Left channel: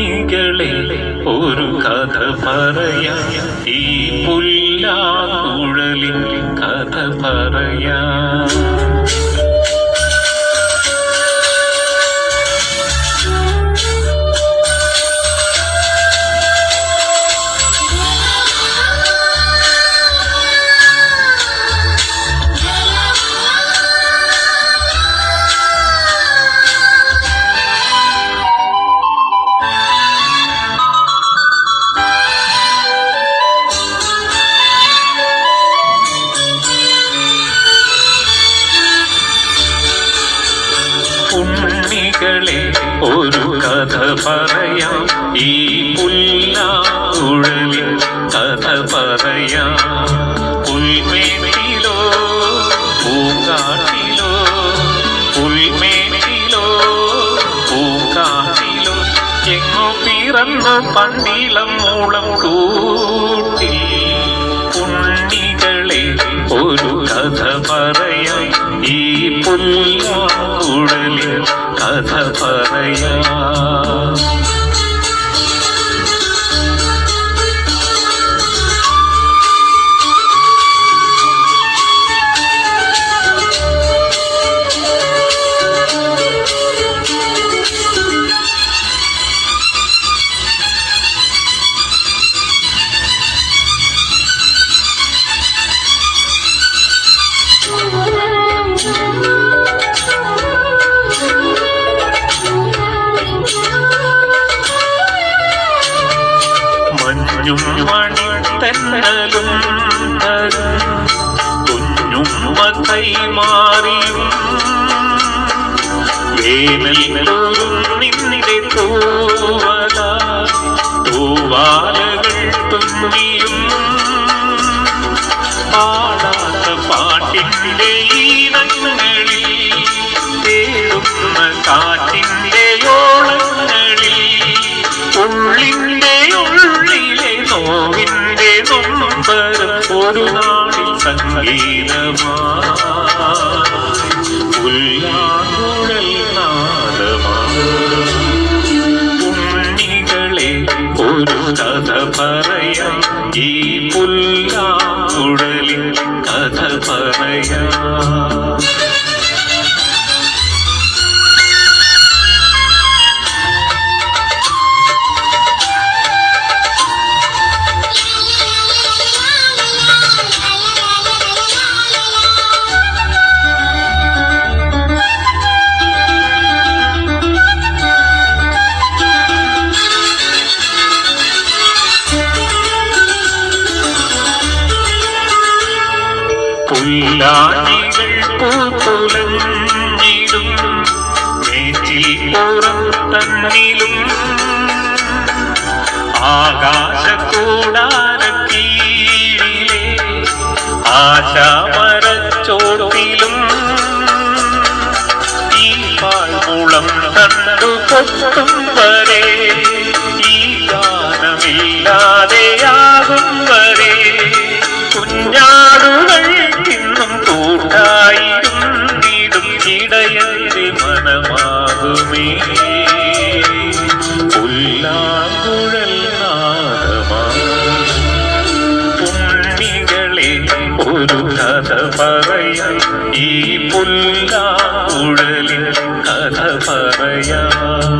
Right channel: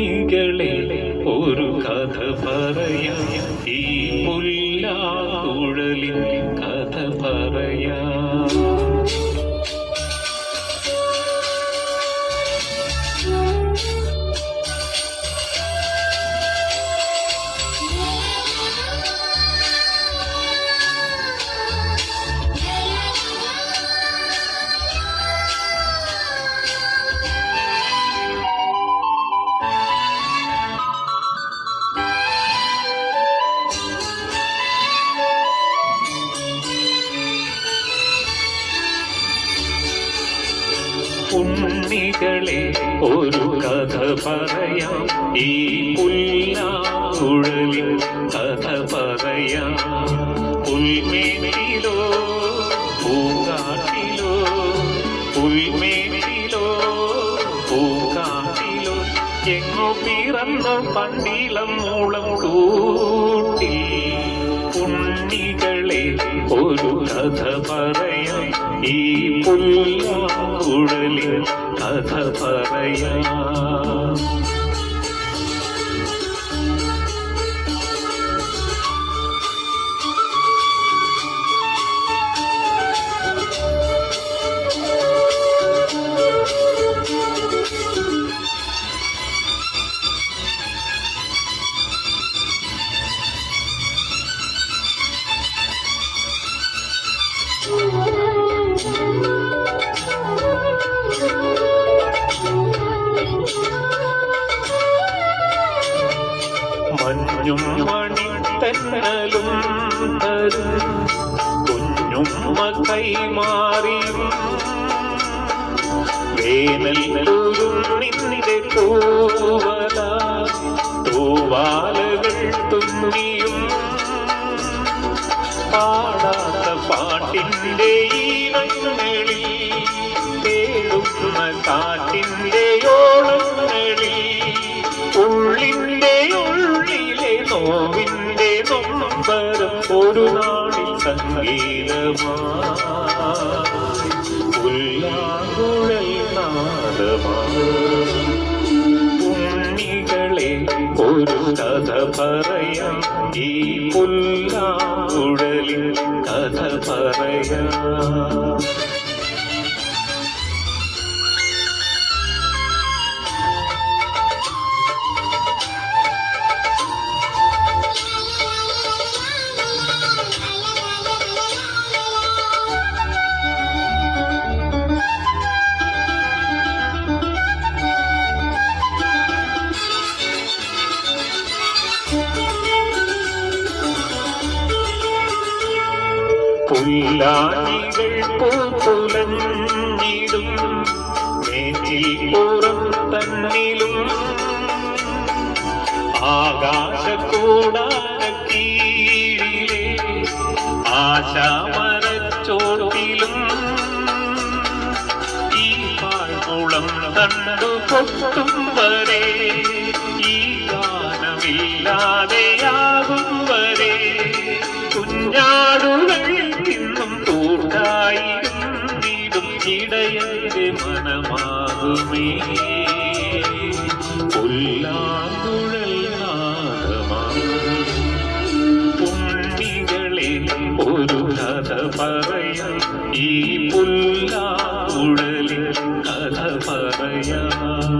ഉണ്ണികളെ ഒരു കഥ പറയാം, ഈ പുല്ലാങ്കുഴലിൻ കഥ പറയാം. ഉണ്ണികളെ ഒരു കഥ പറയാം, ഈ പുല്ലാങ്കുഴലിൻ കഥ പറയാം. പുൽമേട്ടിലോ പൂങ്കാട്ടിലോ, പുൽമേട്ടിലോ പൂങ്കാട്ടിലോ, എങ്ങോ പിറന്നു പണ്ടിളം മൂളം കൂട്ടി. ഉണ്ണികളെ ഒരു കഥ പറയാം, ഈ പുല്ലാങ്കുഴലിൻ കഥ പറയാം. മഞ്ഞും മണിത്തന്നലും തരും കുഞ്ഞുമ്മ കൈമാറിയും, വേനലൊരു നിന്റെ തൂവാലകൾ തുന്നിയും, പാടാത്ത പാട്ടിൻ്റെ ഈണങ്ങളിൽ തേടുന്ന കാറ്റിൻ്റെ ഓളങ്ങളിൽ, ഉള്ളിൻ്റെ ഉള്ളിലെ നോവിൻ്റെ നൊമ്പരം ഒരു നാളിൽ സംഗീതമായി, പുല്ലാങ്കുഴൽ നാദമായി. ഉണ്ണികളെ ഒരു കഥ പറയാം, ഈ പുല്ലാങ്കുഴലിൻ കഥ പറയാം. പുല്ലാനികൾ പൂത്തുലഞ്ഞിടും മേച്ചിൽ പുറം തന്നിലും, ആകാശക്കൂടാരക്കീഴിലെ ആശാമരച്ചോട്ടിലും, ഈ പാഴ്മുളം കണ്ടു പൊട്ടും വരെ, ഈ ഗാനമില്ലാതെയാകും വരെ, കുഞ്ഞാടുകൾ കൂട്ടായിരുന്നിടും ഇടയന്റെ മനമാകുമേ, പുല്ലാങ്കുഴൽ നാദമായി. ഉണ്ണികളെ ഒരു കഥ പറയാം, ഈ പുല്ലാങ്കുഴലിൻ കഥ പറയാം.